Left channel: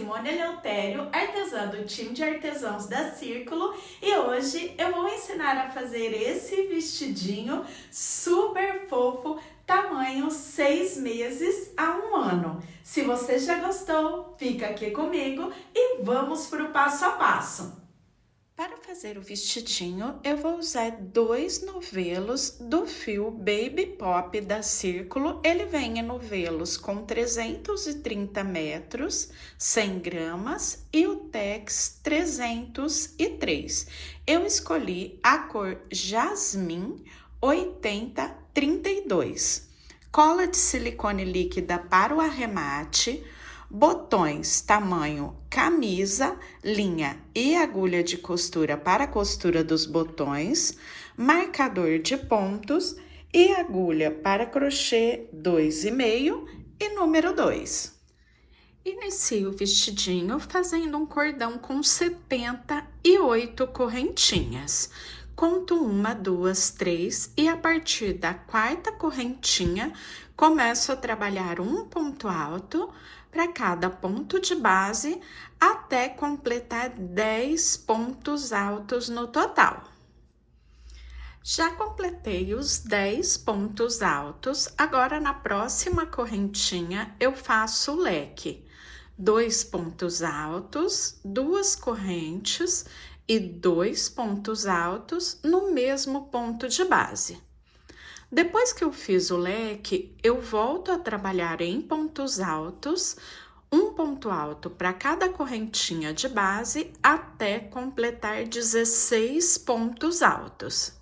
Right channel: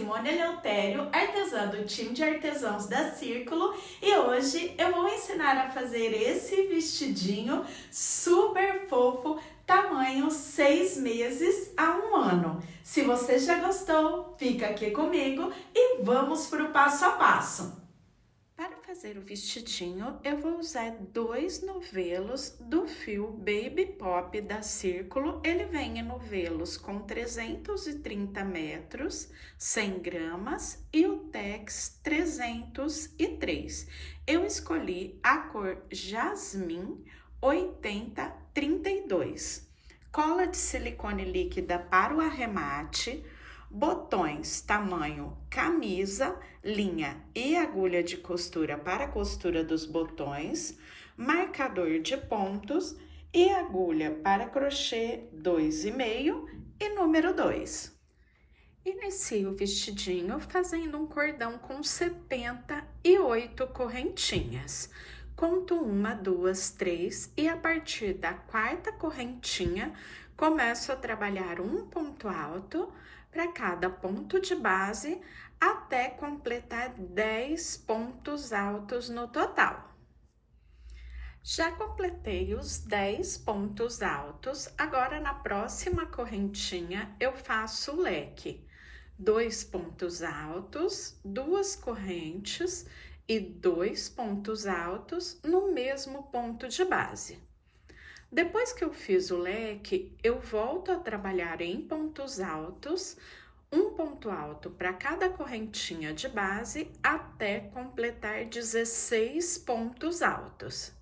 Simone Eleutério, artesã do time de artesãos da Círculo, e hoje eu vou ensinar a fazer esse vestidinho super fofo, tamanho 6 meses a 1 ano. Se você já gostou, fica aqui comigo e vamos para o passo a passo. Para fazer o vestidinho, eu vou usar 2 novelos do fio Baby Pop da Círculo. Ele vem em novelos com 330 metros, 100 gramas e o Tex 303. Eu escolhi a cor Jasmim 8032. Cola de silicone líquida para o arremate, botões tamanho camisa, linha e agulha de costura para a costura dos botões, marcador de pontos e agulha para crochê 2,5 e número 2. Inicio o vestidinho fazendo um cordão com 78 correntinhas. Conto 1, 2, 3 e a partir da 4ª correntinha começo a trabalhar um ponto alto para cada ponto de base até completar 10 pontos altos no total. Já completei os 10 pontos altos, agora na próxima correntinha eu faço o leque. 2 pontos altos, 2 correntes e 2 pontos altos no mesmo ponto de base. Depois que eu fiz o leque, eu volto a trabalhar em pontos altos, um ponto alto para cada correntinha de base até completar 16 pontos altos.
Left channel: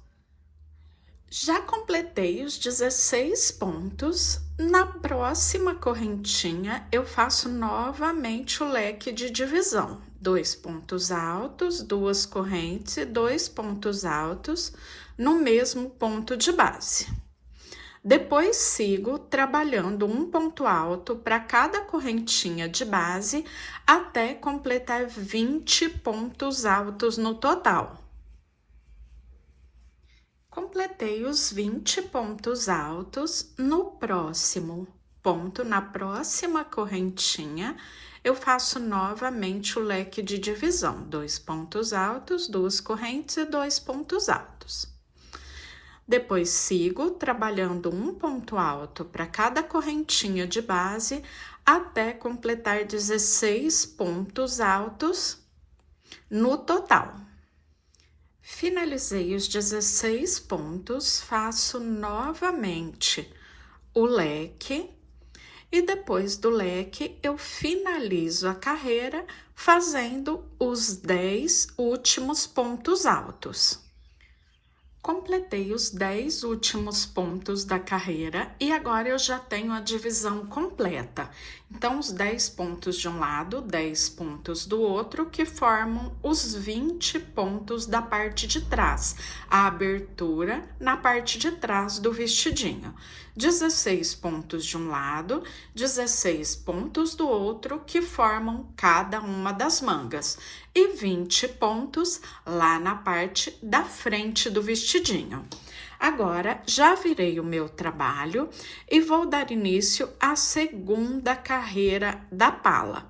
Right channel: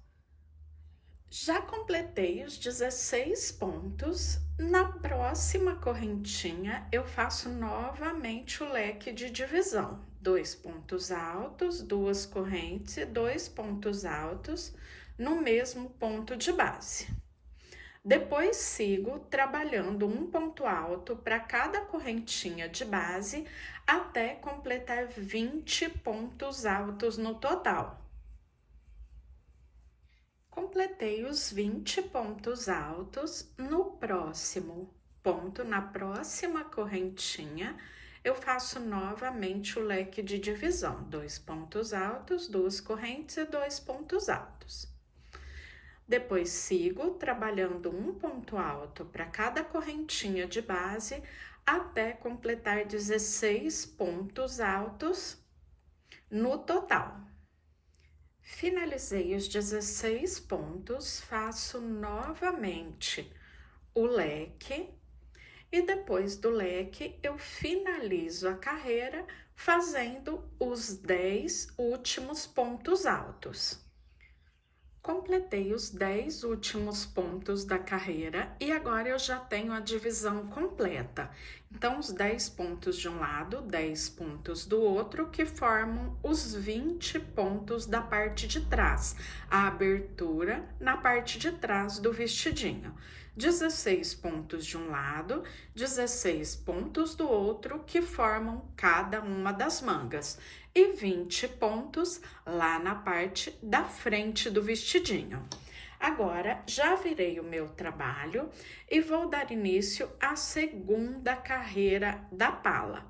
Já completei os 16 pontos, na próxima correntinha eu faço novamente o leque de divisão. 2 pontos altos, 2 correntes e 2 pontos altos no mesmo ponto de base. Depois sigo trabalhando um ponto alto para cada correntinha de base até completar 20 pontos altos no total. Completei os 20 pontos altos, no próximo ponto, na próxima correntinha, eu faço novamente o leque de divisão, 2 pontos altos, 2 correntes e 2 pontos altos. Depois sigo trabalhando um ponto alto para cada correntinha de base até completar 16 pontos altos no total. Finalizei os 16 pontos, faço novamente o leque e depois do leque eu finalizo a carreira fazendo os 10 últimos pontos altos. Completei os 10 últimos pontos da carreira e agora eu já tenho a divisão completa. Então, os 10 pontos de um lado, 10 pontos do outro, que formam os 20 pontos da parte de trás, a abertura na parte de trás do vestidinho. 16 pontos de um lado, 16 pontos do outro, que formam cada uma das mangas, e 20 pontos lá na parte da frente do vestidinho. Agora, já virei o meu trabalho e vou dar início à segunda carreira da pala.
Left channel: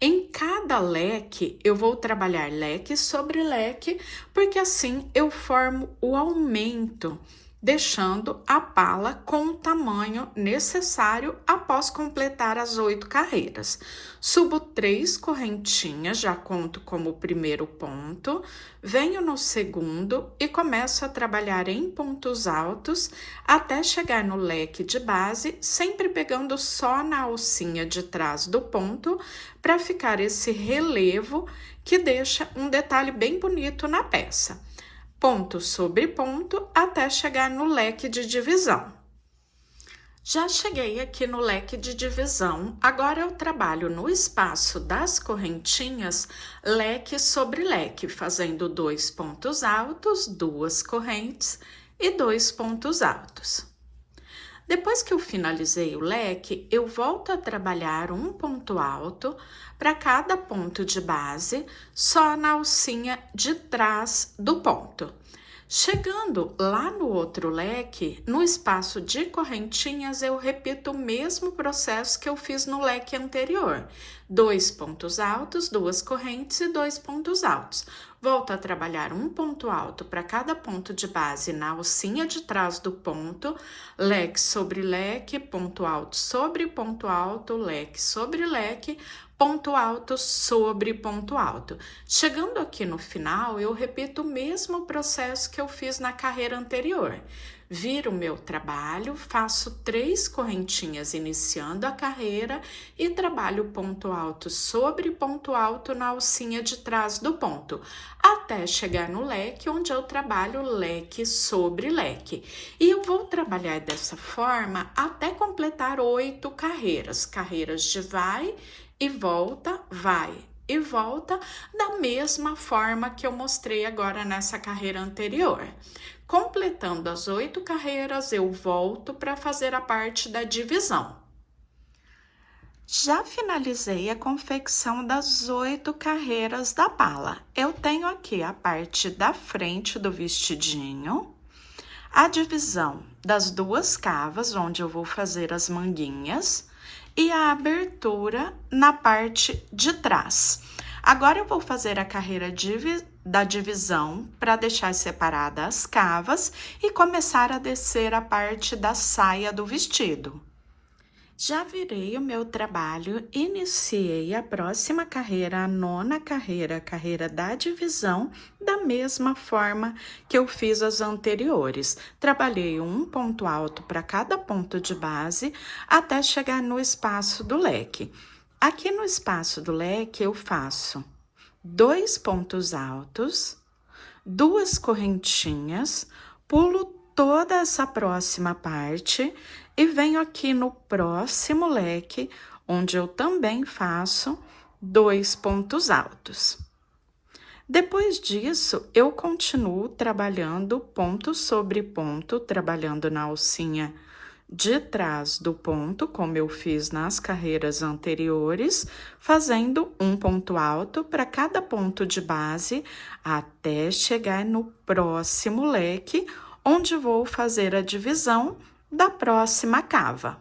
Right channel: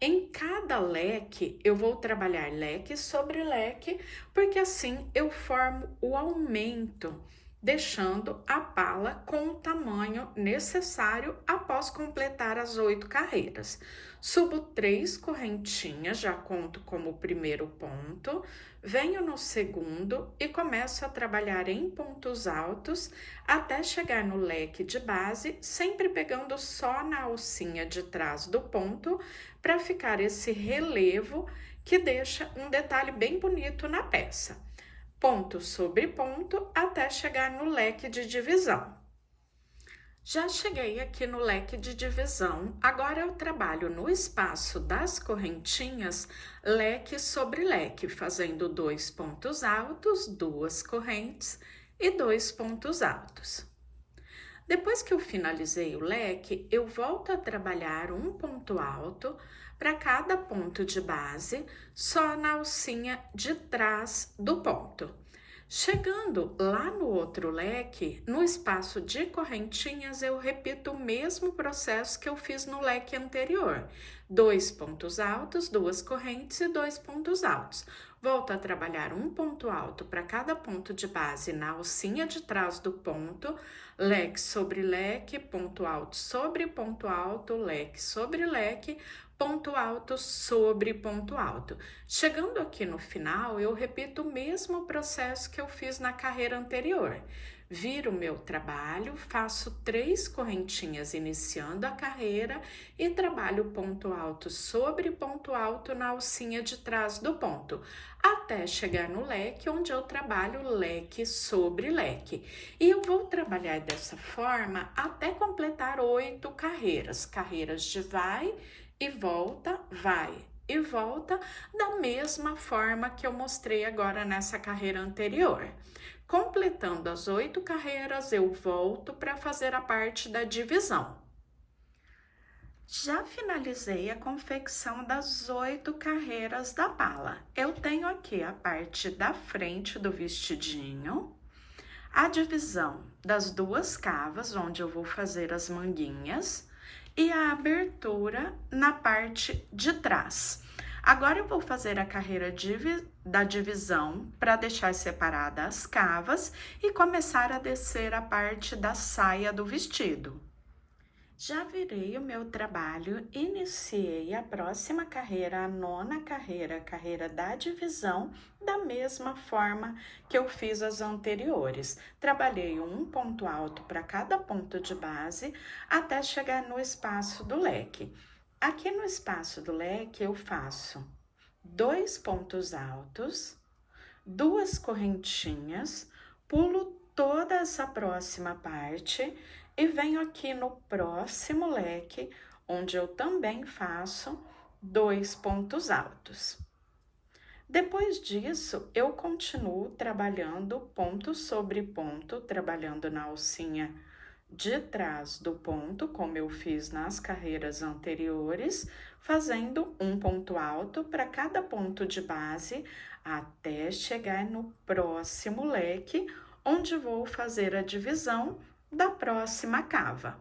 Em cada leque, eu vou trabalhar leque sobre leque, porque assim eu formo o aumento, deixando a pala com o tamanho necessário após completar as 8 carreiras. Subo 3 correntinhas, já conto como o primeiro ponto, venho no segundo e começo a trabalhar em pontos altos até chegar no leque de base, sempre pegando só na alcinha de trás do ponto, para ficar esse relevo que deixa um detalhe bem bonito na peça. Ponto sobre ponto até chegar no leque de divisão. Já cheguei aqui no leque de divisão, agora eu trabalho no espaço das correntinhas, leque sobre leque, fazendo 2 pontos altos, 2 correntes e 2 pontos altos. Depois que eu finalizei o leque, eu volto a trabalhar um ponto alto para cada ponto de base, só na alcinha de trás do ponto. Chegando lá no outro leque, no espaço de correntinhas, eu repito o mesmo processo que eu fiz no leque anterior. 2 pontos altos, 2 correntes e 2 pontos altos. Volto a trabalhar um ponto alto para cada ponto de base na alcinha de trás do ponto, leque sobre leque, ponto alto sobre ponto alto, leque sobre leque, ponto alto sobre ponto alto. Chegando aqui no final, eu repito o mesmo processo que eu fiz na carreira anterior. Viro o meu trabalho, faço 3 correntinhas iniciando a carreira e trabalho ponto alto sobre ponto alto na alcinha de trás do ponto, até chegar no leque, onde eu trabalho leque sobre leque. E eu vou trabalhar dessa forma até completar 8 carreiras, carreiras de vai e volta, vai e volta, da mesma forma que eu mostrei agora nessa carreira anterior. Completando as 8 carreiras, eu volto para fazer a parte da divisão. Já finalizei a confecção das 8 carreiras da bala. Eu tenho aqui a parte da frente do vestidinho, a divisão das 2 cavas, onde eu vou fazer as manguinhas, e a abertura na parte de trás. Agora eu vou fazer a carreira da divisão para deixar separadas as cavas e começar a descer a parte da saia do vestido. Já virei o meu trabalho, iniciei a próxima carreira, a 9ª carreira, a carreira da divisão, da mesma forma que eu fiz as anteriores. Trabalhei um ponto alto para cada ponto de base até chegar no espaço do leque. Aqui no espaço do leque eu faço 2 pontos altos, 2 correntinhas, pulo toda essa próxima parte e venho aqui no próximo leque, onde eu também faço 2 pontos altos. Depois disso, eu continuo trabalhando ponto sobre ponto, trabalhando na alcinha de trás do ponto, como eu fiz nas carreiras anteriores, fazendo um ponto alto para cada ponto de base, até chegar no próximo leque, onde vou fazer a divisão da próxima cava.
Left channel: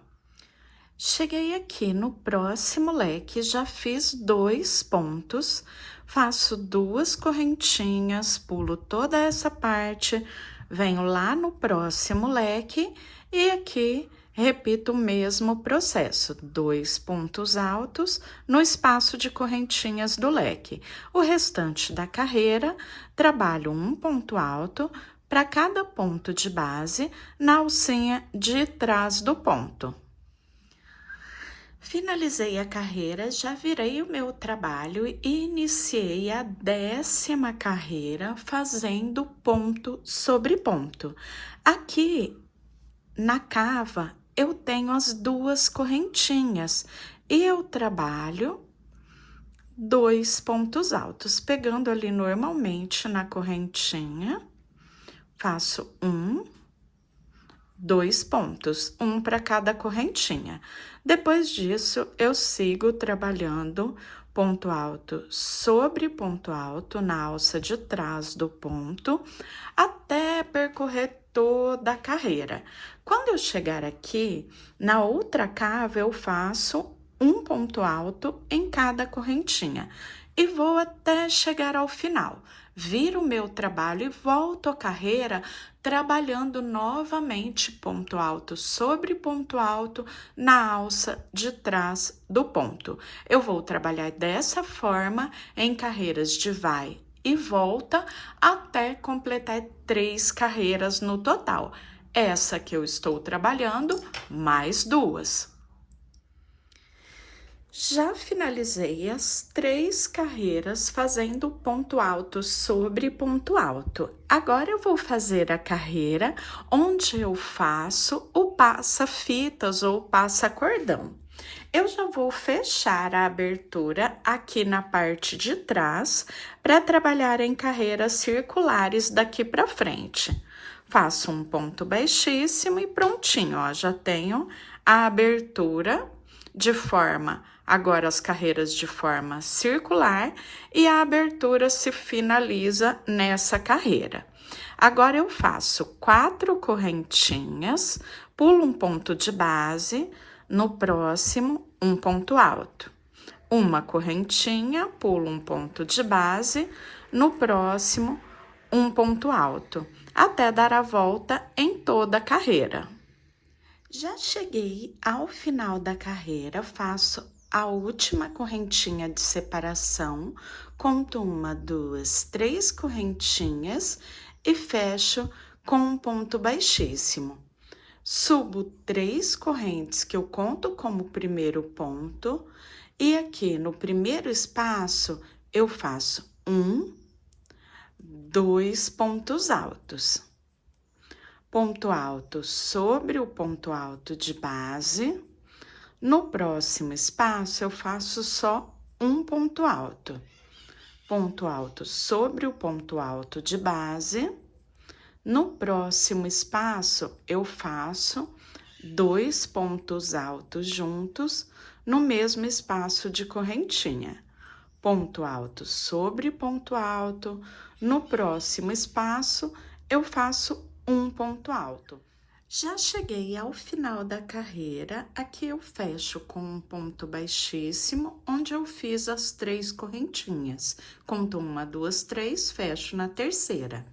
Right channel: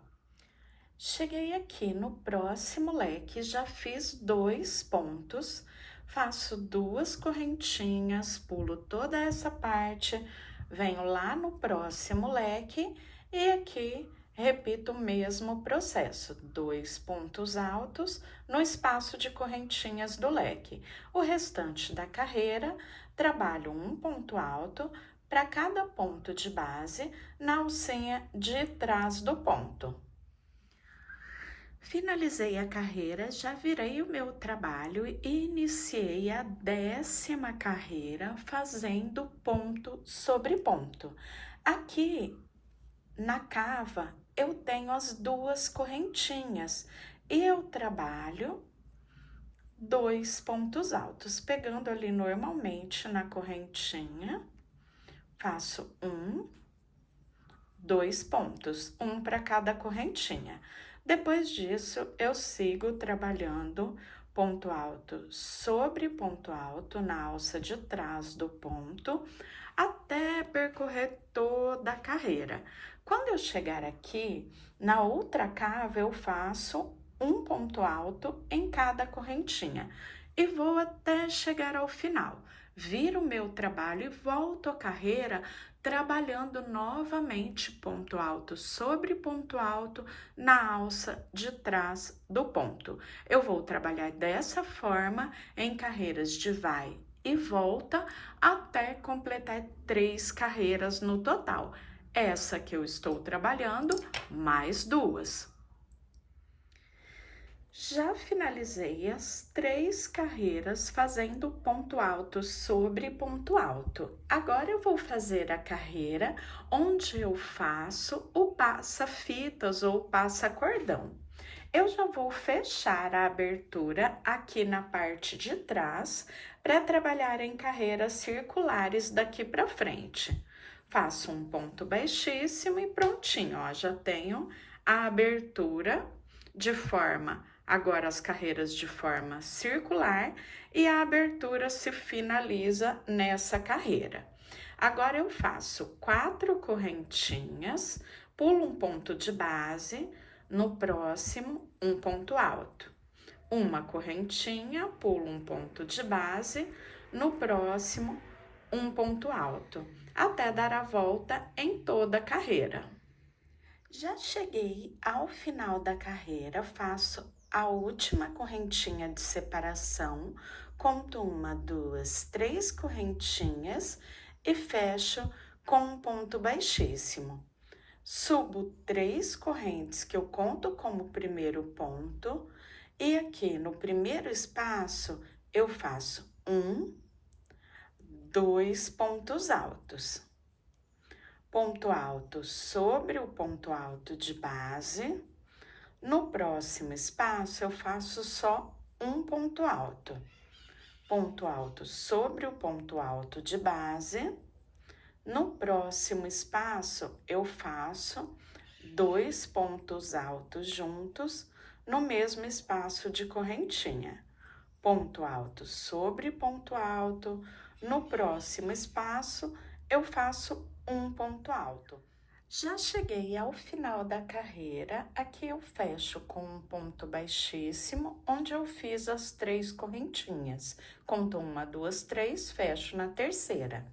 Cheguei aqui no próximo leque, já fiz 2 pontos, faço 2 correntinhas, pulo toda essa parte, venho lá no próximo leque e aqui repito o mesmo processo, 2 pontos altos no espaço de correntinhas do leque. O restante da carreira, trabalho um ponto alto para cada ponto de base na alcinha de trás do ponto. Finalizei a carreira, já virei o meu trabalho e iniciei a 10ª carreira fazendo ponto sobre ponto. Aqui na cava eu tenho as 2 correntinhas e eu trabalho 2 pontos altos, pegando ali normalmente na correntinha. Faço 2 pontos, um para cada correntinha. Depois disso, eu sigo trabalhando ponto alto sobre ponto alto na alça de trás do ponto, até percorrer toda a carreira. Quando eu chegar aqui, na outra cava, eu faço um ponto alto em cada correntinha e vou até chegar ao final. Viro o meu trabalho e volto à carreira trabalhando novamente ponto alto sobre ponto alto na alça de trás do ponto. Eu vou trabalhar dessa forma em carreiras de vai e volta até completar 3 carreiras no total. Essa que eu estou trabalhando, mais 2. Já finalizei as 3 carreiras fazendo ponto alto sobre ponto alto. Agora eu vou fazer a carreira onde eu faço o passa-fitas ou passa-cordão. Eu já vou fechar a abertura aqui na parte de trás para trabalhar em carreiras circulares daqui para frente. Faço um ponto baixíssimo e prontinho, ó, já tenho a abertura de forma, agora as carreiras de forma circular e a abertura se finaliza nessa carreira. Agora, eu faço 4 correntinhas, pulo um ponto de base, no próximo, um ponto alto. Uma correntinha, pulo um ponto de base, no próximo, um ponto alto, até dar a volta em toda a carreira. Já cheguei ao final da carreira, faço a última correntinha de separação, conto 1, 2, 3 correntinhas e fecho com um ponto baixíssimo. Subo 3 correntes que eu conto como primeiro ponto, e aqui no primeiro espaço eu faço 1, 2 pontos altos. Ponto alto sobre o ponto alto de base. No próximo espaço, eu faço só um ponto alto. Ponto alto sobre o ponto alto de base. No próximo espaço, eu faço 2 pontos altos juntos no mesmo espaço de correntinha. Ponto alto sobre ponto alto. No próximo espaço, eu faço um ponto alto. Já cheguei ao final da carreira, aqui eu fecho com um ponto baixíssimo, onde eu fiz as 3 correntinhas. Conto 1, 2, 3, fecho na terceira.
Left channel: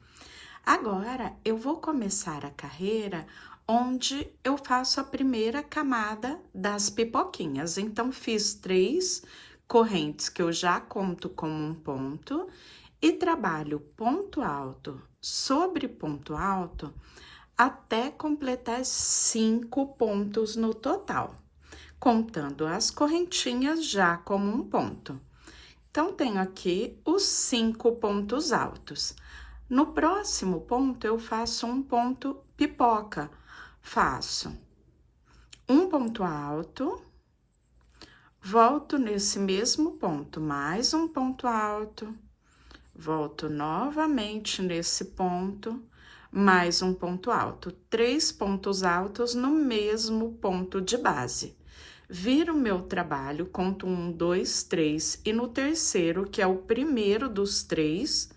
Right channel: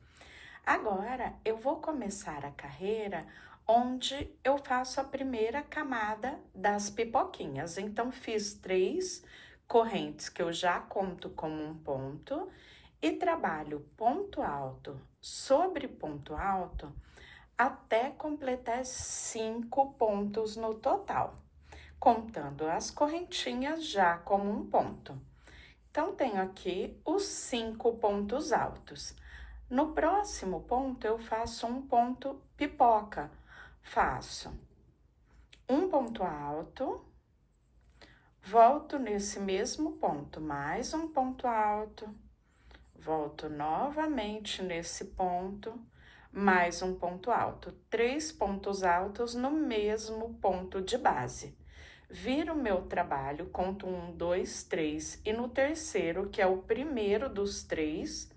Agora, eu vou começar a carreira onde eu faço a primeira camada das pipoquinhas. Então, fiz 3 correntes que eu já conto como um ponto e trabalho ponto alto sobre ponto alto até completar 5 pontos no total, contando as correntinhas já como um ponto. Então, tenho aqui os 5 pontos altos. No próximo ponto, eu faço um ponto pipoca. Faço um ponto alto, volto nesse mesmo ponto, mais um ponto alto, volto novamente nesse ponto, mais um ponto alto, 3 pontos altos no mesmo ponto de base. Viro meu trabalho, conto 1, 2, 3, e no terceiro, que é o primeiro dos 3,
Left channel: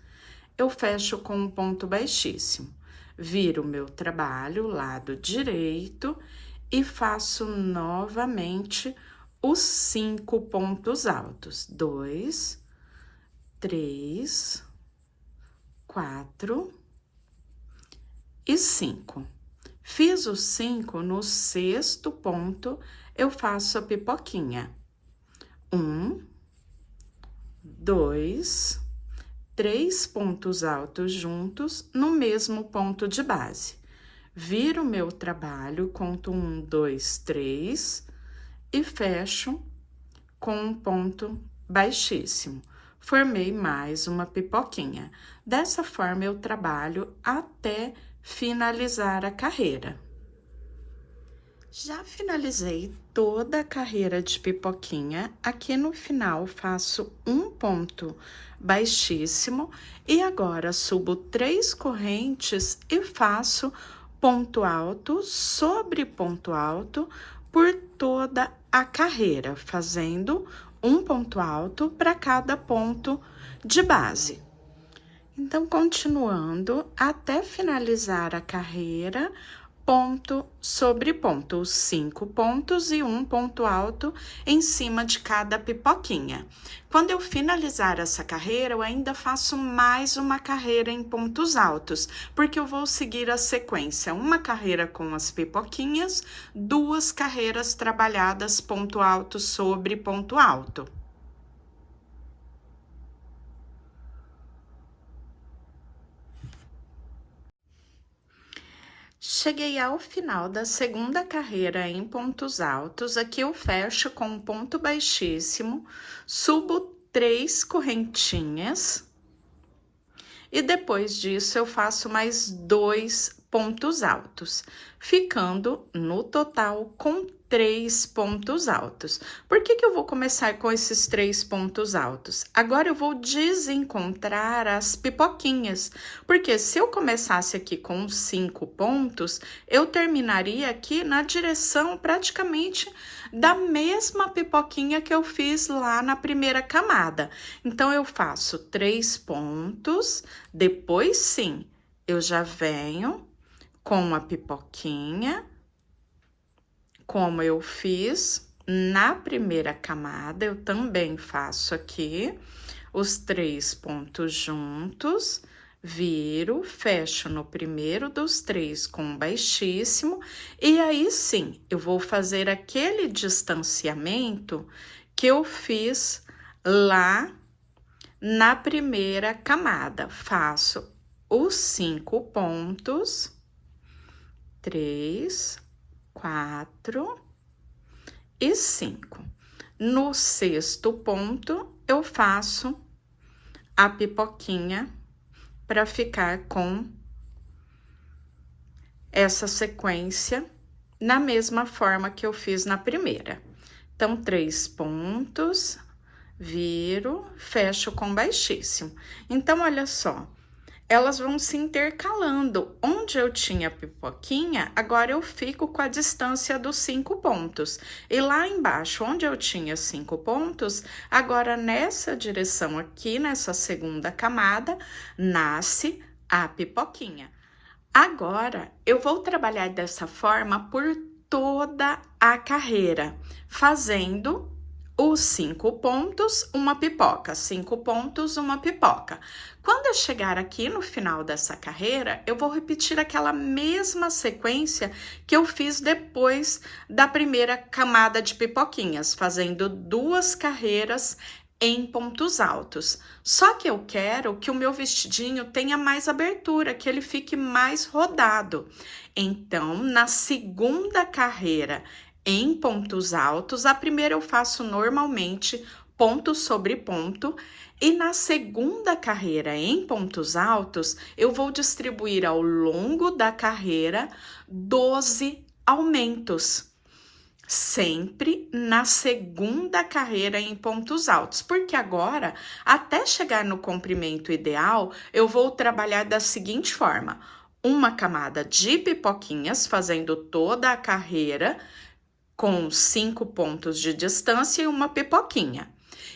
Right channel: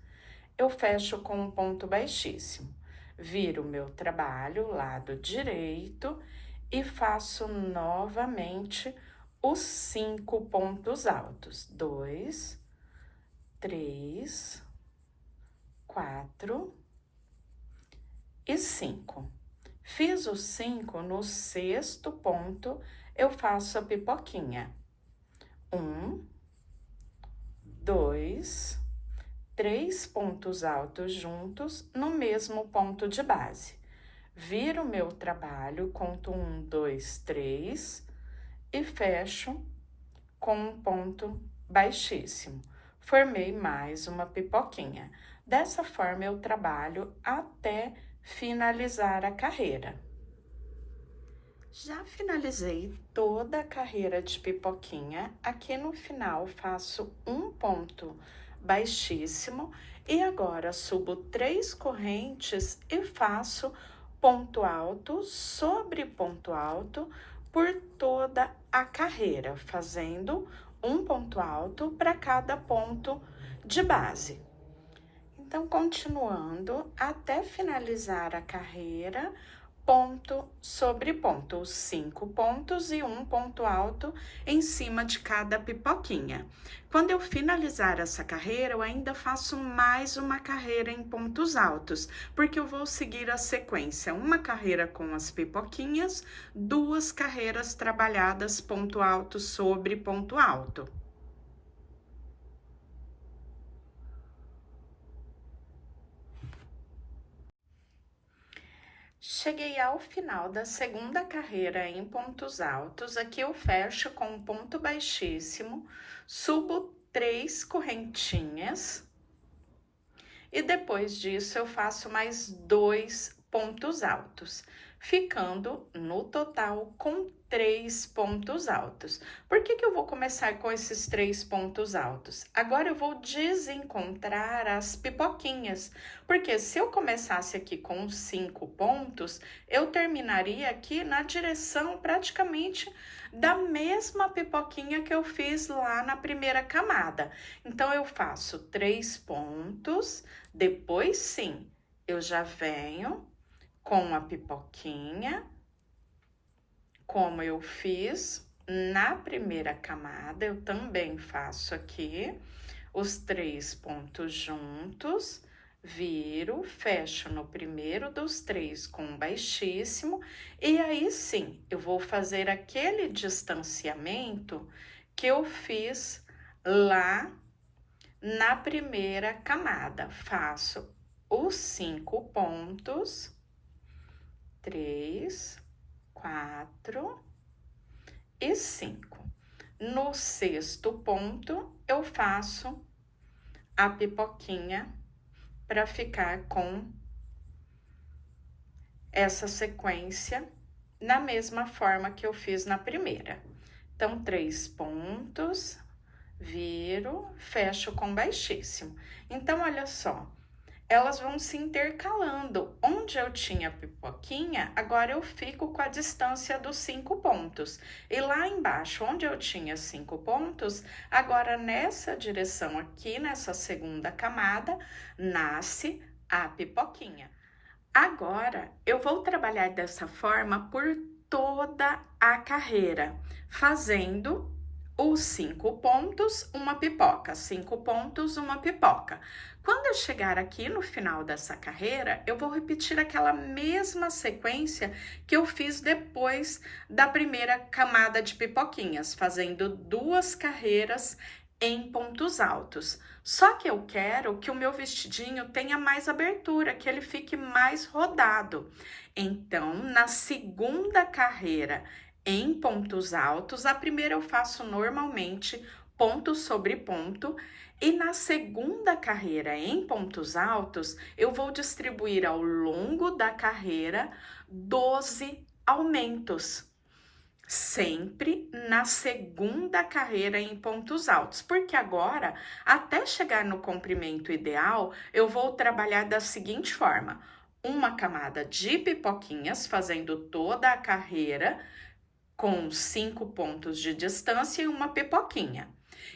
eu fecho com um ponto baixíssimo. Viro meu trabalho, lado direito, e faço novamente os 5 pontos altos. 2, 3, 4 e 5. Fiz os 5, no sexto ponto, eu faço a pipoquinha. 1, 2, 3 pontos altos juntos no mesmo ponto de base. Viro meu trabalho, conto 1, 2, 3 e fecho com um ponto baixíssimo. Formei mais uma pipoquinha. Dessa forma, eu trabalho até finalizar a carreira. Já finalizei toda a carreira de pipoquinha. Aqui no final, faço um ponto baixíssimo e agora subo 3 correntes e faço ponto alto sobre ponto alto por toda a carreira, fazendo um ponto alto para cada ponto de base. Então, continuando até finalizar a carreira, ponto sobre ponto, os 5 pontos e um ponto alto em cima de cada pipoquinha. Quando eu finalizar essa carreira, eu ainda faço mais uma carreira em pontos altos, porque eu vou seguir a sequência, uma carreira com as pipoquinhas, 2 carreiras trabalhadas ponto alto sobre ponto alto. Cheguei ao final da segunda carreira em pontos altos, aqui eu fecho com um ponto baixíssimo, subo 3 correntinhas e depois disso eu faço mais 2 pontos altos, ficando no total com 3 pontos altos. Por que eu vou começar com esses 3 pontos altos? Agora eu vou desencontrar as pipoquinhas, porque se eu começasse aqui com 5 pontos, eu terminaria aqui na direção praticamente da mesma pipoquinha que eu fiz lá na primeira camada. Então, eu faço 3 pontos, depois sim, eu já venho com a pipoquinha, como eu fiz na primeira camada, eu também faço aqui os 3 pontos juntos, viro, fecho no primeiro dos 3 com baixíssimo, e aí sim, eu vou fazer aquele distanciamento que eu fiz lá na primeira camada. Faço os 5 pontos, 3, 4 e 5. No sexto ponto, eu faço a pipoquinha para ficar com essa sequência na mesma forma que eu fiz na primeira. Então, 3 pontos, viro, fecho com baixíssimo. Então, olha só, elas vão se intercalando. Onde eu tinha pipoquinha, agora eu fico com a distância dos 5 pontos. E lá embaixo, onde eu tinha 5 pontos, agora nessa direção aqui, nessa segunda camada, nasce a pipoquinha. Agora, eu vou trabalhar dessa forma por toda a carreira, fazendo os 5 pontos, uma pipoca, 5 pontos, uma pipoca. Quando eu chegar aqui no final dessa carreira, eu vou repetir aquela mesma sequência que eu fiz depois da primeira camada de pipoquinhas, fazendo 2 carreiras em pontos altos. Só que eu quero que o meu vestidinho tenha mais abertura, que ele fique mais rodado. Então, na segunda carreira em pontos altos, a primeira eu faço normalmente ponto sobre ponto, e na segunda carreira em pontos altos, eu vou distribuir ao longo da carreira 12 aumentos. Sempre na segunda carreira em pontos altos, porque agora, até chegar no comprimento ideal, eu vou trabalhar da seguinte forma: uma camada de pipoquinhas, fazendo toda a carreira com 5 pontos de distância e uma pipoquinha.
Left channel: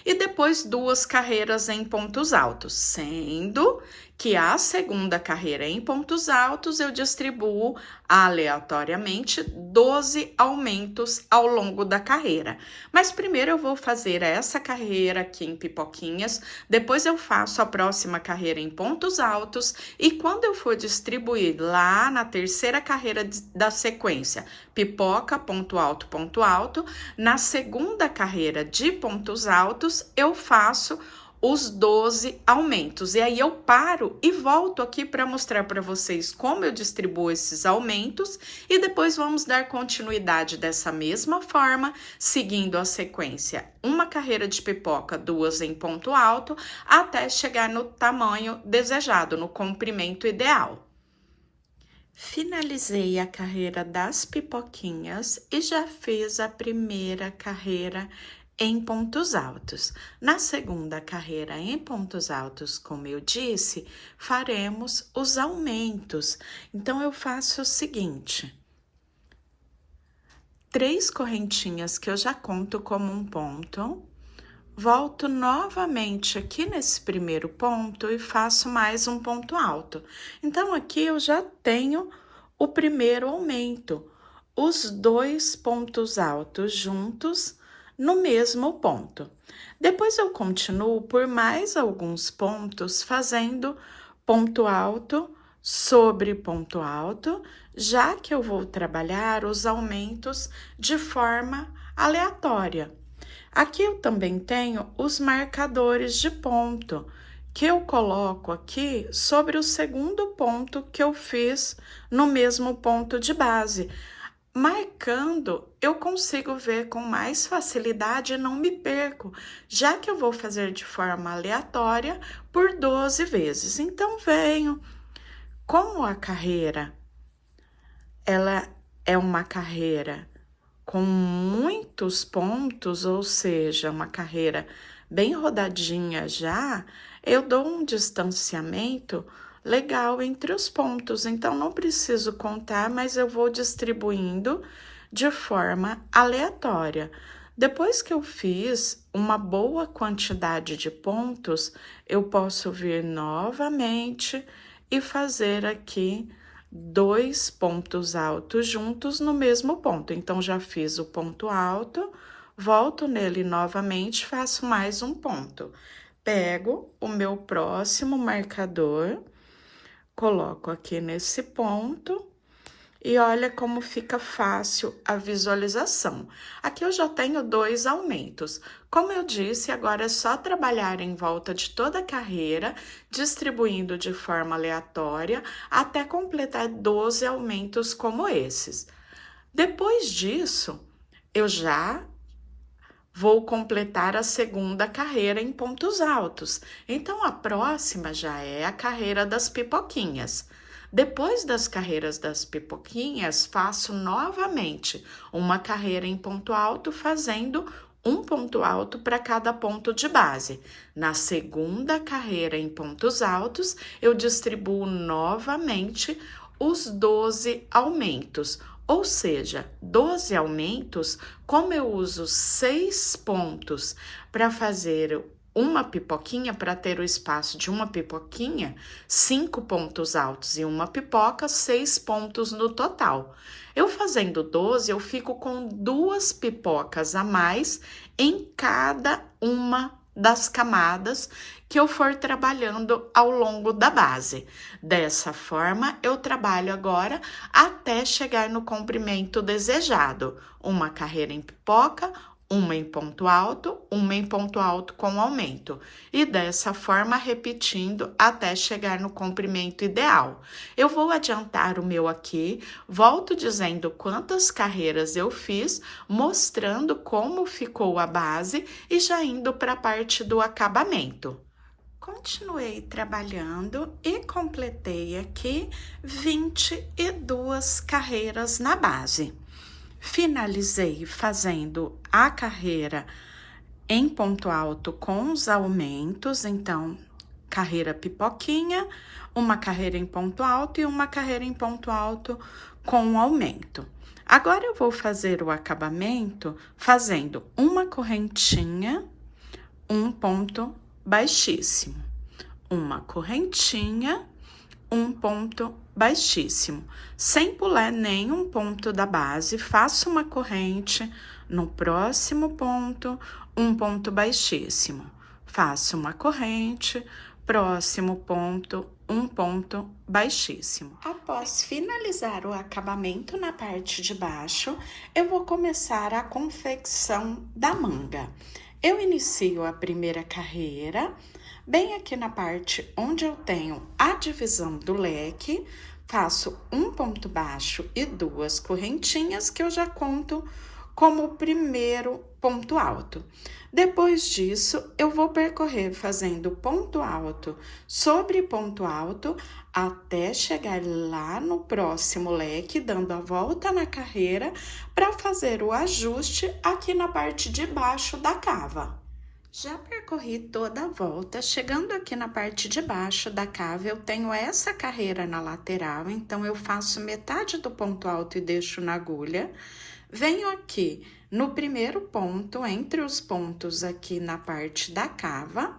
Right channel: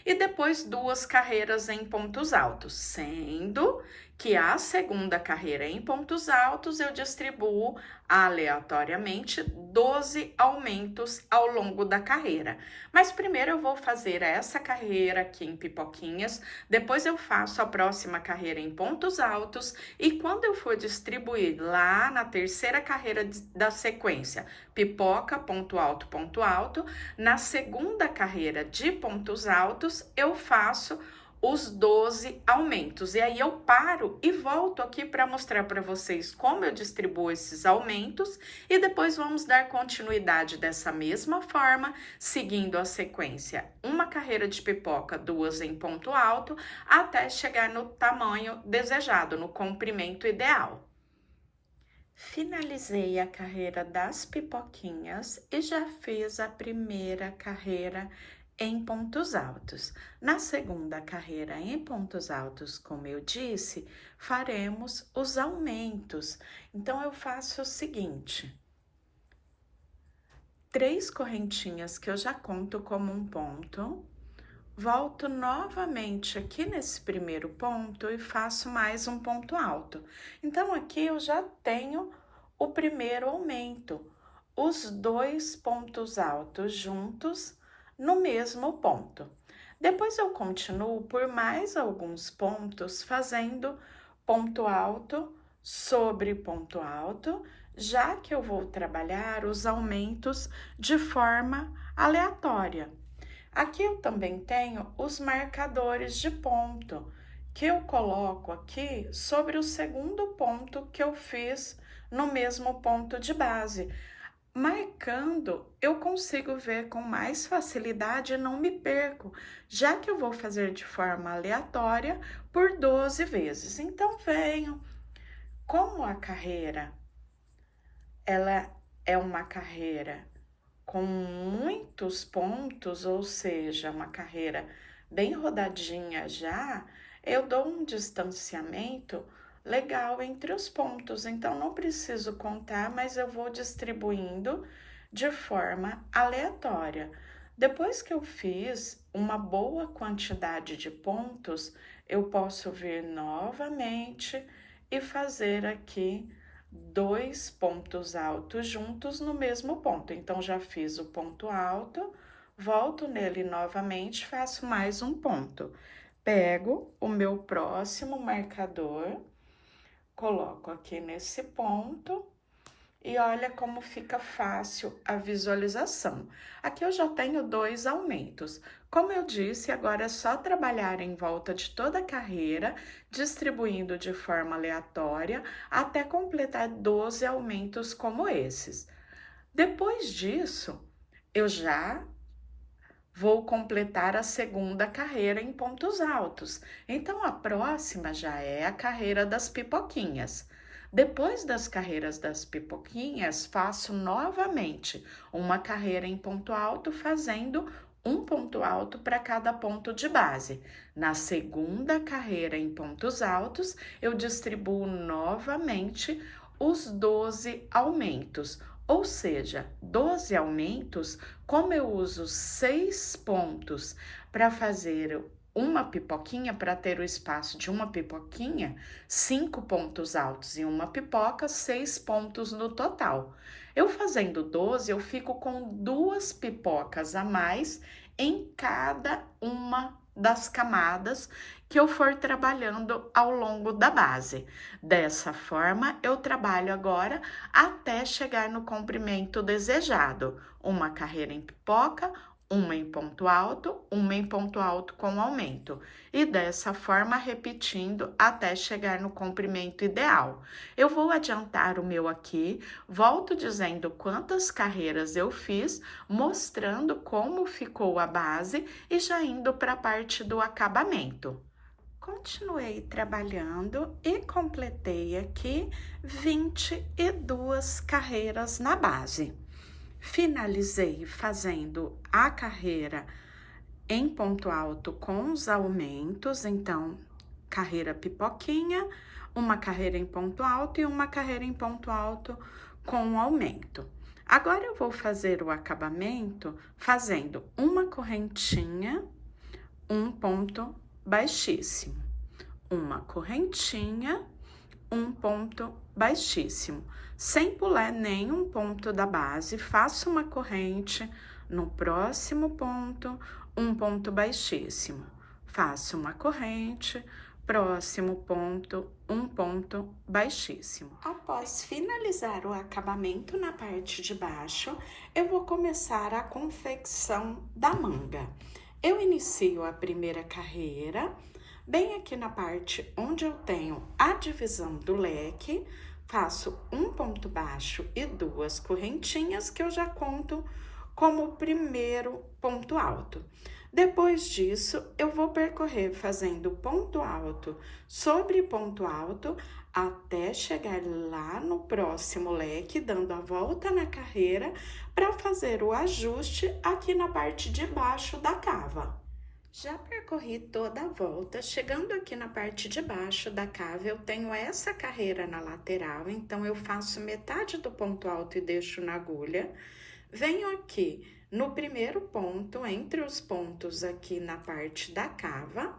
E depois 2 carreiras em pontos altos, sendo que a segunda carreira em pontos altos eu distribuo aleatoriamente 12 aumentos ao longo da carreira. Mas primeiro eu vou fazer essa carreira aqui em pipoquinhas, depois eu faço a próxima carreira em pontos altos, e quando eu for distribuir lá na terceira carreira da sequência, pipoca, ponto alto, na segunda carreira de pontos altos, eu faço os 12 aumentos. E aí eu paro e volto aqui para mostrar para vocês como eu distribuo esses aumentos, e depois vamos dar continuidade dessa mesma forma, seguindo a sequência: uma carreira de pipoca, 2 em ponto alto, até chegar no tamanho desejado, no comprimento ideal. Finalizei a carreira das pipoquinhas e já fiz a primeira carreira em pontos altos. Na segunda carreira em pontos altos, como eu disse, faremos os aumentos. Então, eu faço o seguinte: 3 correntinhas que eu já conto como um ponto, volto novamente aqui nesse primeiro ponto e faço mais um ponto alto. Então, aqui eu já tenho o primeiro aumento, os 2 pontos altos juntos no mesmo ponto. Depois eu continuo por mais alguns pontos, fazendo ponto alto sobre ponto alto, já que eu vou trabalhar os aumentos de forma aleatória. Aqui eu também tenho os marcadores de ponto, que eu coloco aqui sobre o segundo ponto que eu fiz no mesmo ponto de base. Marcando, eu consigo ver com mais facilidade e não me perco, já que eu vou fazer de forma aleatória por 12 vezes. Então, venho, como a carreira, ela é uma carreira com muitos pontos, ou seja, uma carreira bem rodadinha já, eu dou um distanciamento legal entre os pontos. Então, não preciso contar, mas eu vou distribuindo de forma aleatória. Depois que eu fiz uma boa quantidade de pontos, eu posso vir novamente e fazer aqui 2 pontos altos juntos no mesmo ponto. Então, já fiz o ponto alto, volto nele novamente, faço mais um ponto. Pego o meu próximo marcador, coloco aqui nesse ponto e olha como fica fácil a visualização. Aqui eu já tenho 2 aumentos. Como eu disse, agora é só trabalhar em volta de toda a carreira, distribuindo de forma aleatória, até completar 12 aumentos como esses. Depois disso, eu já vou completar a segunda carreira em pontos altos. Então, a próxima já é a carreira das pipoquinhas. Depois das carreiras das pipoquinhas, faço novamente uma carreira em ponto alto, fazendo um ponto alto para cada ponto de base. Na segunda carreira em pontos altos, eu distribuo novamente os 12 aumentos, ou seja, 12 aumentos, como eu uso 6 pontos para fazer uma pipoquinha, para ter o espaço de uma pipoquinha, 5 pontos altos e uma pipoca, 6 pontos no total. Eu fazendo 12, eu fico com 2 pipocas a mais em cada uma das camadas que eu for trabalhando ao longo da base. Dessa forma, eu trabalho agora até chegar no comprimento desejado. Uma carreira em pipoca, uma em ponto alto com aumento. E dessa forma, repetindo até chegar no comprimento ideal. Eu vou adiantar o meu aqui, volto dizendo quantas carreiras eu fiz, mostrando como ficou a base e já indo para a parte do acabamento. Continuei trabalhando e completei aqui 22 carreiras na base. Finalizei fazendo a carreira em ponto alto com os aumentos, então, carreira pipoquinha, uma carreira em ponto alto e uma carreira em ponto alto com aumento. Agora, eu vou fazer o acabamento fazendo uma correntinha, um ponto baixíssimo, uma correntinha, um ponto baixíssimo, sem pular nenhum ponto da base, faço uma corrente, no próximo ponto, um ponto baixíssimo, faço uma corrente, próximo ponto, um ponto baixíssimo. Após finalizar o acabamento na parte de baixo, eu vou começar a confecção da manga. Eu inicio a primeira carreira, bem aqui na parte onde eu tenho a divisão do leque, faço um ponto baixo e 2 correntinhas, que eu já conto como o primeiro ponto alto. Depois disso, eu vou percorrer fazendo ponto alto sobre ponto alto, até chegar lá no próximo leque, dando a volta na carreira, para fazer o ajuste aqui na parte de baixo da cava. Já percorri toda a volta, chegando aqui na parte de baixo da cava, eu tenho essa carreira na lateral, então eu faço metade do ponto alto e deixo na agulha. Venho aqui no primeiro ponto, entre os pontos aqui na parte da cava,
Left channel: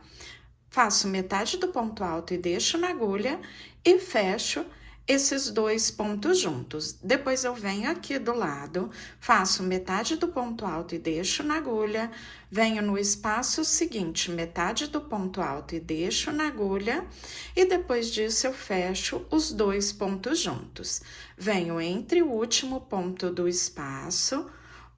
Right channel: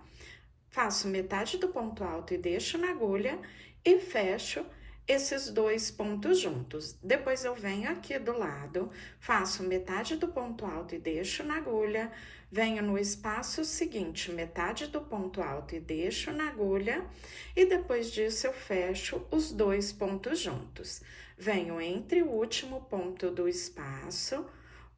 faço metade do ponto alto e deixo na agulha e fecho esses 2 pontos juntos. Depois eu venho aqui do lado, faço metade do ponto alto e deixo na agulha, venho no espaço seguinte, metade do ponto alto e deixo na agulha, e depois disso eu fecho os 2 pontos juntos. Venho entre o último ponto do espaço,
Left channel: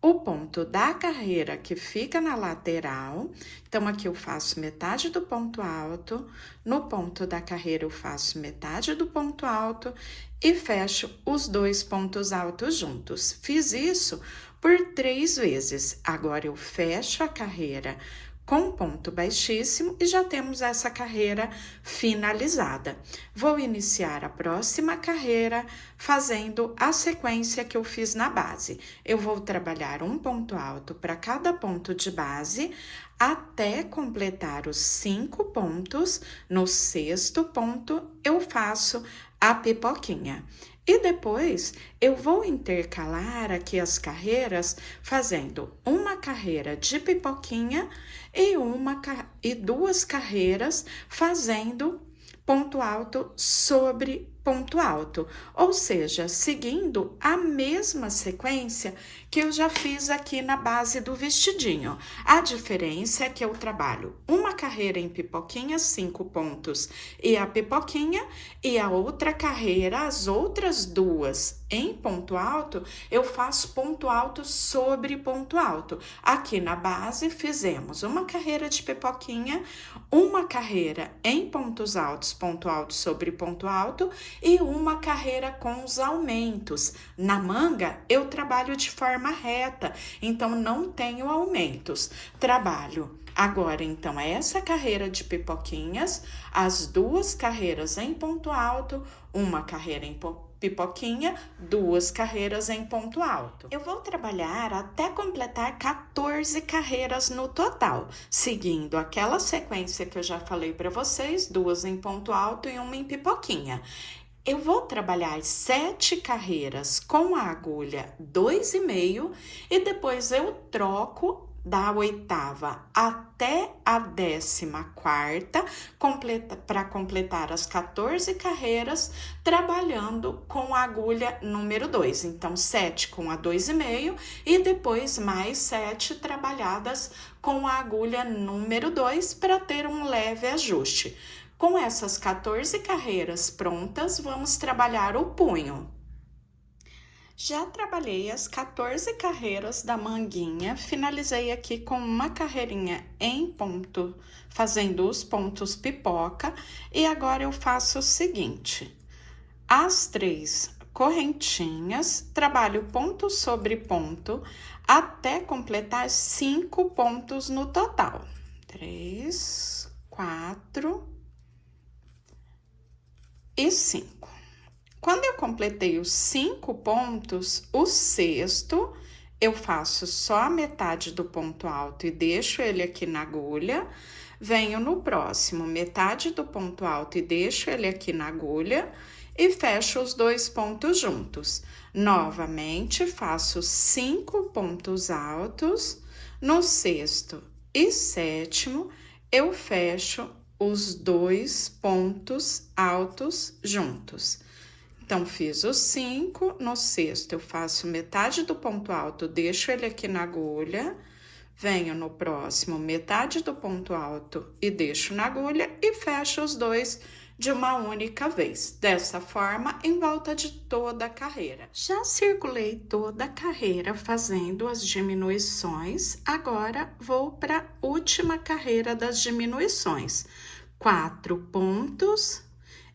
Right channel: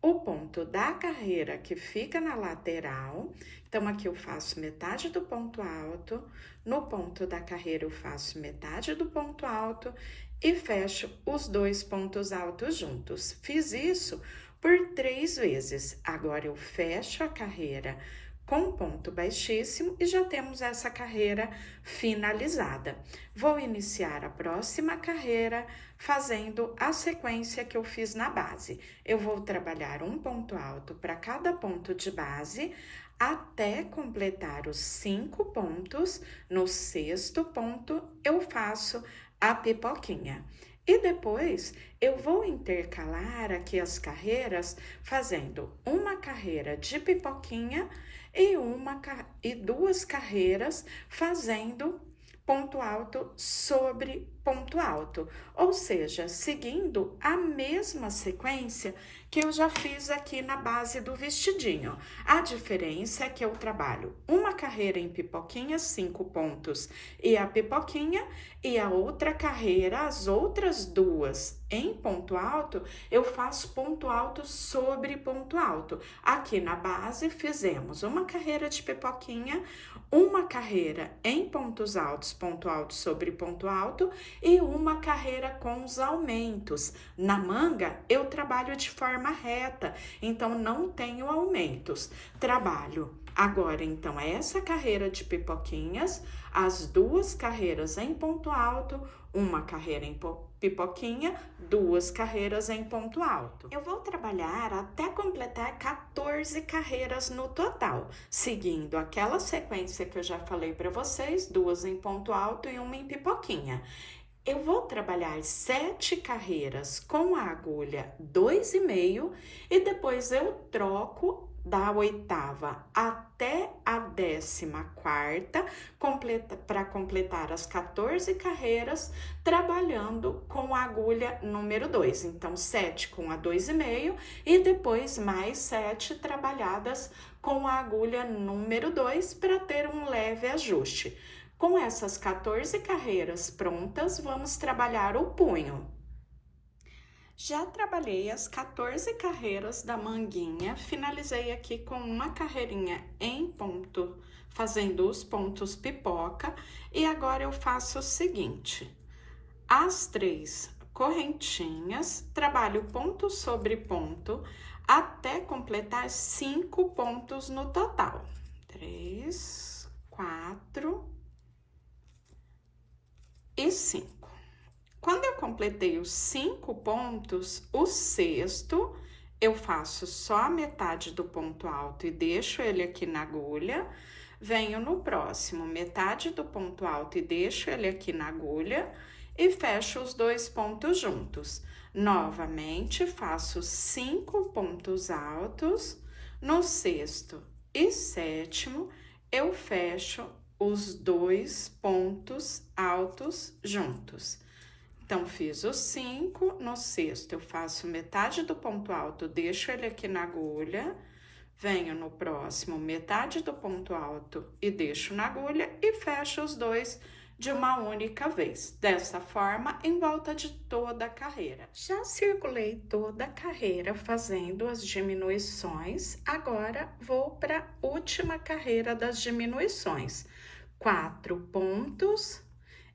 o ponto da carreira que fica na lateral, então aqui eu faço metade do ponto alto, no ponto da carreira eu faço metade do ponto alto e fecho os 2 pontos altos juntos. Fiz isso por 3 vezes. Agora eu fecho a carreira com ponto baixíssimo e já temos essa carreira finalizada. Vou iniciar a próxima carreira fazendo a sequência que eu fiz na base. Eu vou trabalhar um ponto alto para cada ponto de base até completar os 5 pontos. No 6º ponto, eu faço a pipoquinha. E depois, eu vou intercalar aqui as carreiras, fazendo uma carreira de pipoquinha e 2 carreiras fazendo ponto alto sobre ponto alto, ou seja, seguindo a mesma sequência que eu já fiz aqui na base do vestidinho. A diferença é que eu trabalho uma carreira em pipoquinha, 5 pontos e a pipoquinha, e a outra carreira, as outras duas em ponto alto, eu faço ponto alto sobre ponto alto. Aqui na base fizemos uma carreira de pipoquinha, uma carreira em pontos altos, ponto alto sobre ponto alto, e uma carreira com os aumentos. Na manga, eu trabalho de forma reta, então não tenho aumentos. Trabalho agora, então, essa carreira de pipoquinhas, as duas carreiras em ponto alto, uma carreira em pipoquinha, duas carreiras em ponto alto. Eu vou trabalhar até completar 14 carreiras no total, seguindo aquela sequência que eu já falei para vocês, duas em ponto alto e uma em pipoquinha. Eu vou trabalhar 7 carreiras com a agulha 2,5 e depois eu troco da 8ª até a 14ª para completar as 14 carreiras trabalhando com a agulha número 2. Então, 7 com a 2,5 e depois mais 7 trabalhadas com a agulha número 2 para ter um leve ajuste. Com essas 14 carreiras prontas, vamos trabalhar o punho. Já trabalhei as 14 carreiras da manguinha, finalizei aqui com uma carreirinha em ponto, fazendo os pontos pipoca, e agora eu faço o seguinte: as 3 correntinhas, trabalho ponto sobre ponto, até completar 5 pontos no total. 3, 4... e 5. Quando eu completei os 5 pontos, o sexto, eu faço só a metade do ponto alto e deixo ele aqui na agulha. Venho no próximo, metade do ponto alto e deixo ele aqui na agulha e fecho os 2 pontos juntos. Novamente, faço 5 pontos altos. No sexto e sétimo, eu fecho os 2 pontos altos juntos. Então, fiz os 5, no sexto eu faço metade do ponto alto, deixo ele aqui na agulha, venho no próximo, metade do ponto alto e deixo na agulha e fecho os 2 de uma única vez. Dessa forma, em volta de toda a carreira. Já circulei toda a carreira fazendo as diminuições, agora vou para a última carreira das diminuições. 4 pontos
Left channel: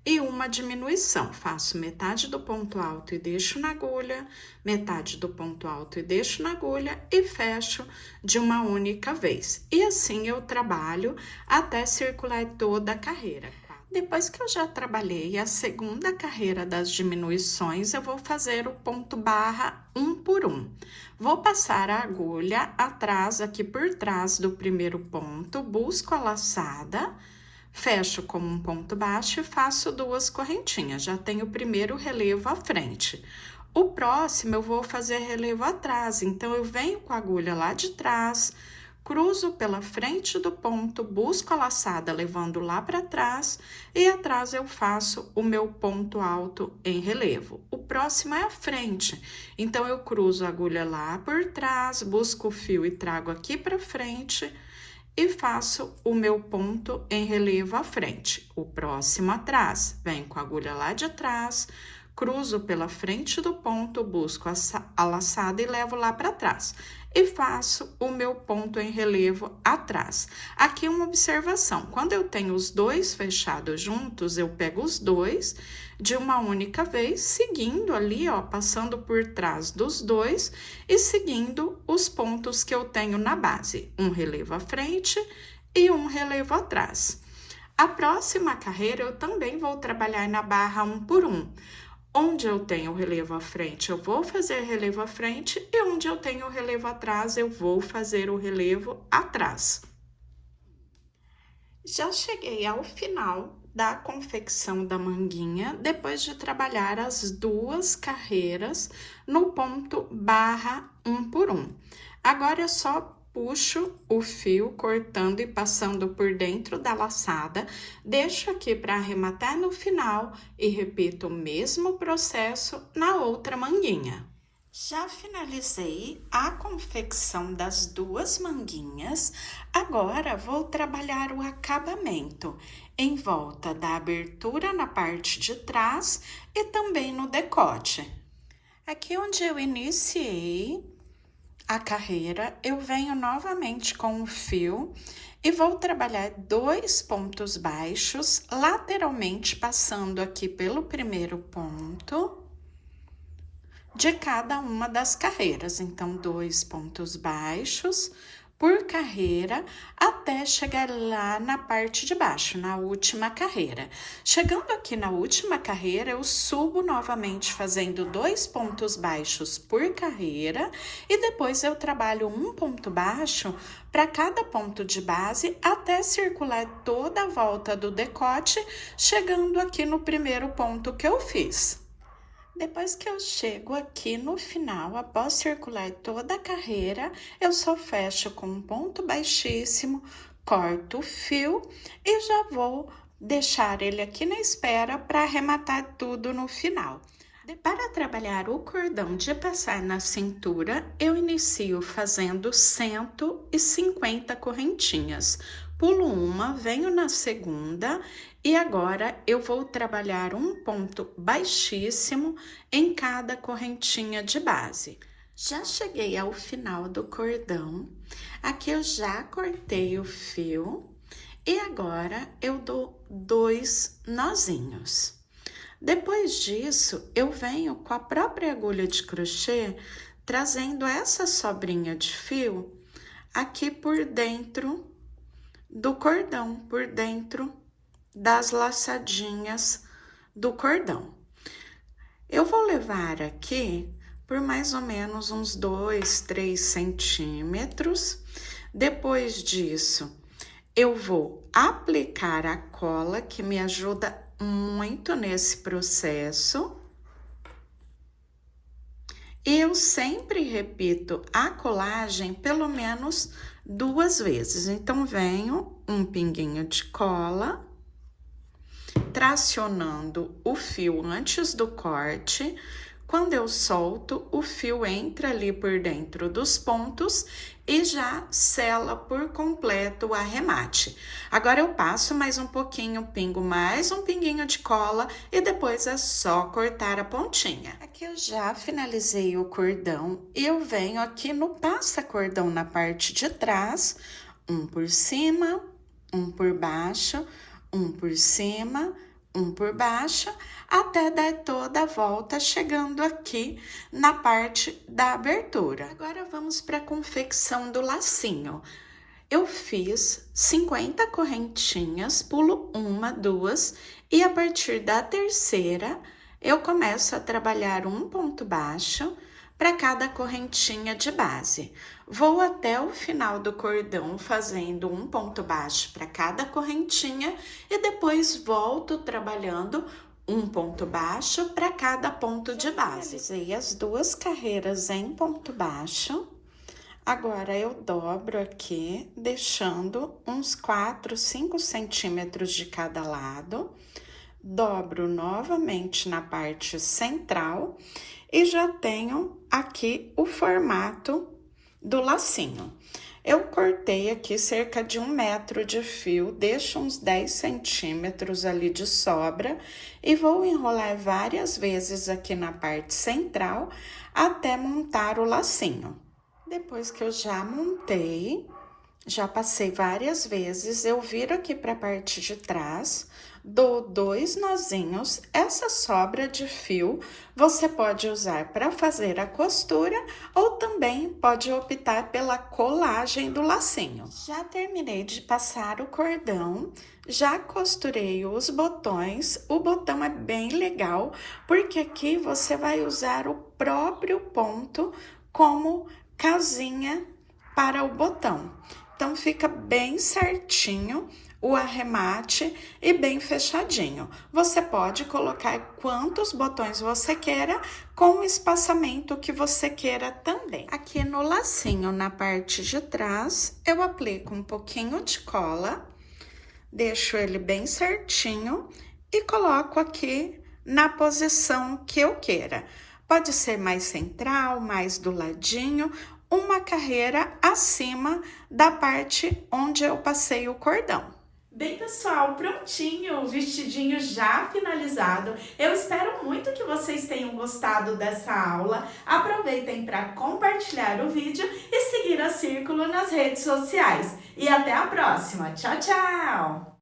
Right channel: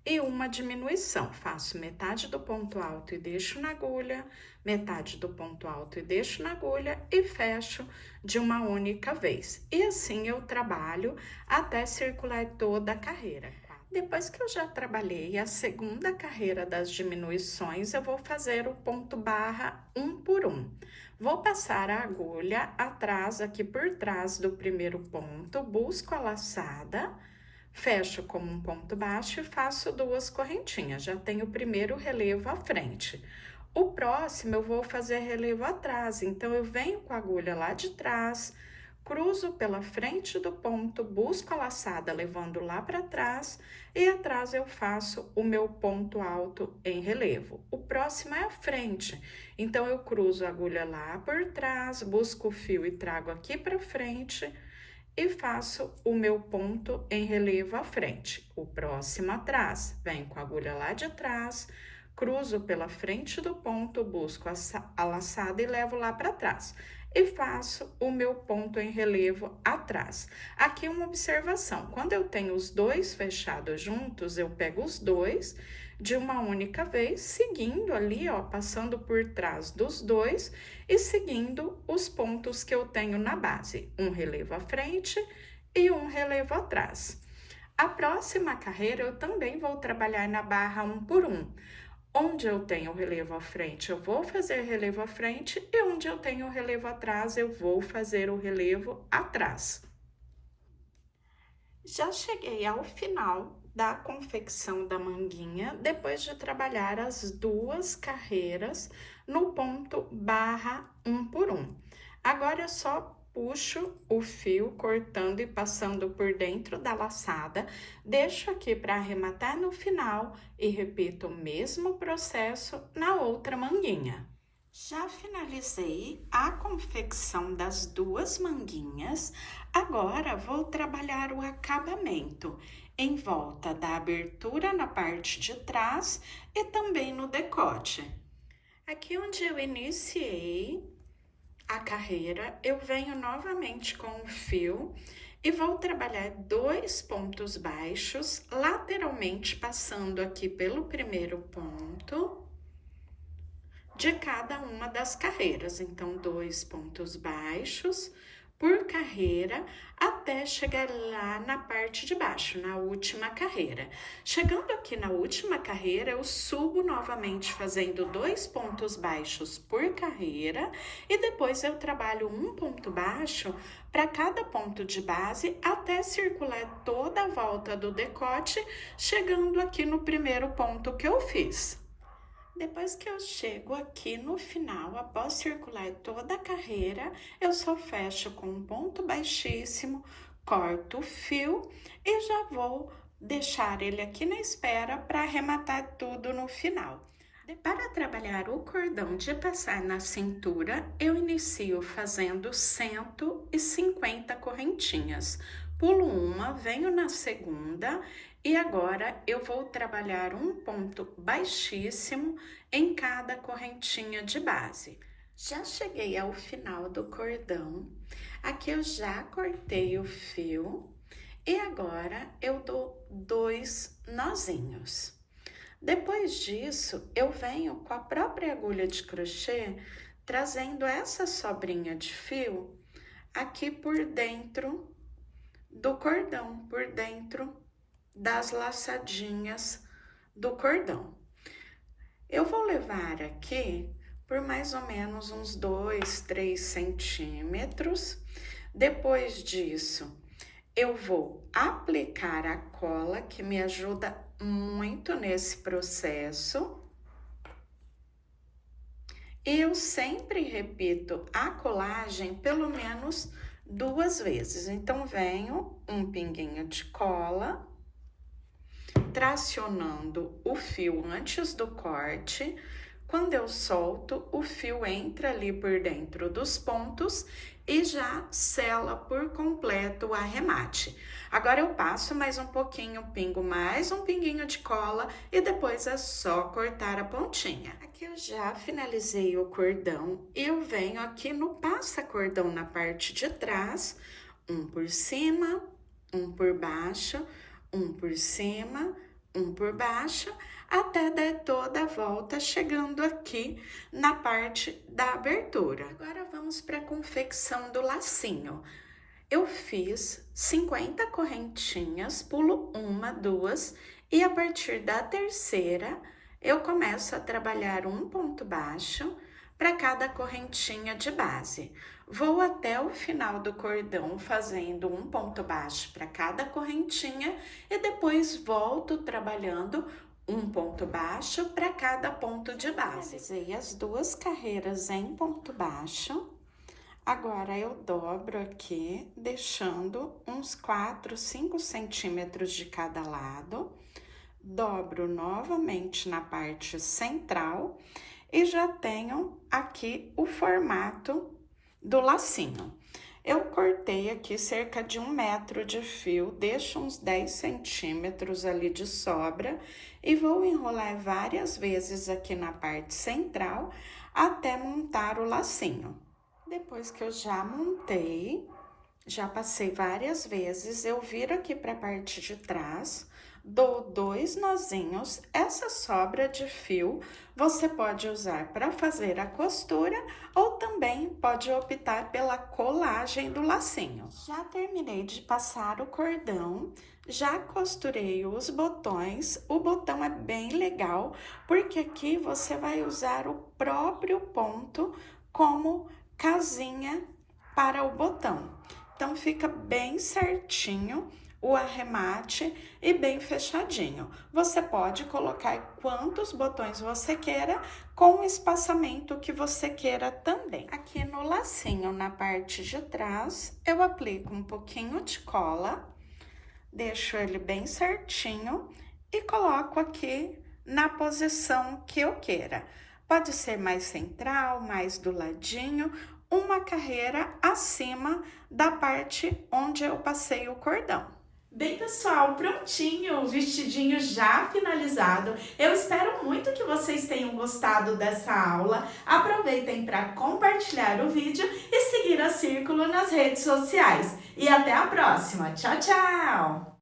e uma diminuição. Faço metade do ponto alto e deixo na agulha, metade do ponto alto e deixo na agulha e fecho de uma única vez. E assim eu trabalho até circular toda a carreira. Depois que eu já trabalhei a segunda carreira das diminuições, eu vou fazer o ponto barra 1 por 1. Vou passar a agulha atrás, aqui por trás do primeiro ponto, busco a laçada, fecho como um ponto baixo e faço 2 correntinhas. Já tenho o primeiro relevo à frente. O próximo eu vou fazer relevo atrás, então eu venho com a agulha lá de trás, cruzo pela frente do ponto, busco a laçada levando lá para trás e atrás eu faço o meu ponto alto em relevo. O próximo é a frente, então eu cruzo a agulha lá por trás, busco o fio e trago aqui para frente e faço o meu ponto em relevo à frente. O próximo atrás, venho com a agulha lá de trás, cruzo pela frente do ponto, busco a laçada e levo lá para trás. E faço o meu ponto em relevo atrás. Aqui uma observação, quando eu tenho os 2 fechados juntos, eu pego os 2 de uma única vez, seguindo ali, ó, passando por trás dos 2 e seguindo os pontos que eu tenho na base. Um relevo à frente e um relevo atrás. A próxima carreira eu também vou trabalhar na barra 1 por 1. Onde eu tenho o relevo à frente, eu vou fazer relevo à frente, e onde eu tenho o relevo atrás, eu vou fazer o relevo atrás. Já cheguei ao final da confecção da manguinha, depois de trabalhar as 2 carreiras no ponto barra 1 por 1. Agora é só Puxo o fio cortando e passando por dentro da laçada, deixo aqui para arrematar no final e repito o mesmo processo na outra manguinha. Já finalizei a confecção das duas manguinhas, agora vou trabalhar o acabamento em volta da abertura na parte de trás e também no decote. Aqui onde eu iniciei a carreira, eu venho novamente com o fio e vou trabalhar 2 pontos baixos, lateralmente passando aqui pelo primeiro ponto de cada uma das carreiras. Então, 2 pontos baixos por carreira até chegar lá na parte de baixo, na última carreira. Chegando aqui na última carreira, eu subo novamente fazendo 2 pontos baixos por carreira e depois eu trabalho um ponto baixo para cada ponto de base até circular toda a volta do decote, chegando aqui no primeiro ponto que eu fiz. Depois que eu chego aqui no final, após circular toda a carreira, eu só fecho com um ponto baixíssimo, corto o fio e já vou deixar ele aqui na espera para arrematar tudo no final. Para trabalhar o cordão de passar na cintura, eu inicio fazendo 150 correntinhas. Pulo uma, venho na segunda e agora eu vou trabalhar um ponto baixíssimo em cada correntinha de base. Já cheguei ao final do cordão, aqui eu já cortei o fio e agora eu dou 2 nozinhos. Depois disso, eu venho com a própria agulha de crochê, trazendo essa sobrinha de fio aqui por dentro do cordão, por dentro das laçadinhas do cordão. Eu vou levar aqui por mais ou menos uns 2, 3 centímetros. Depois disso, eu vou aplicar a cola, que me ajuda muito nesse processo. E eu sempre repito a colagem pelo menos 2 vezes. Então, venho um pinguinho de cola, tracionando o fio antes do corte. Quando eu solto, o fio entra ali por dentro dos pontos e já sela por completo o arremate. Agora eu passo mais um pouquinho, pingo mais um pinguinho de cola e depois é só cortar a pontinha. Aqui eu já finalizei o cordão e eu venho aqui no passa-cordão na parte de trás, um por cima, um por baixo, um por cima, um por baixo, até dar toda a volta, chegando aqui na parte da abertura. Agora vamos para a confecção do lacinho. Eu fiz 50 correntinhas, pulo 1, 2 e a partir da terceira eu começo a trabalhar um ponto baixo para cada correntinha de base. Vou até o final do cordão fazendo um ponto baixo para cada correntinha e depois volto trabalhando um ponto baixo para cada ponto de base. Finalizei as 2 carreiras em ponto baixo. Agora eu dobro aqui, deixando uns 4, 5 centímetros de cada lado. Dobro novamente na parte central e já tenho aqui o formato do lacinho. Eu cortei aqui cerca de 1 metro de fio, deixo uns 10 centímetros ali de sobra e vou enrolar várias vezes aqui na parte central até montar o lacinho. Depois que eu já montei, já passei várias vezes, eu viro aqui para a parte de trás, dou 2 nozinhos. Essa sobra de fio você pode usar para fazer a costura ou também pode optar pela colagem do lacinho. Já terminei de passar o cordão, já costurei os botões. O botão é bem legal porque aqui você vai usar o próprio ponto como casinha para o botão. Então, fica bem certinho o arremate e bem fechadinho. Você pode colocar quantos botões você queira, com o espaçamento que você queira também. Aqui no lacinho, na parte de trás, eu aplico um pouquinho de cola, deixo ele bem certinho e coloco aqui na posição que eu queira. Pode ser mais central, mais do ladinho, uma carreira acima da parte onde eu passei o cordão. Bem, pessoal, prontinho, o vestidinho já finalizado. Eu espero muito que vocês tenham gostado dessa aula. Aproveitem para compartilhar o vídeo e seguir a Círculo nas redes sociais. E até a próxima. Tchau, tchau!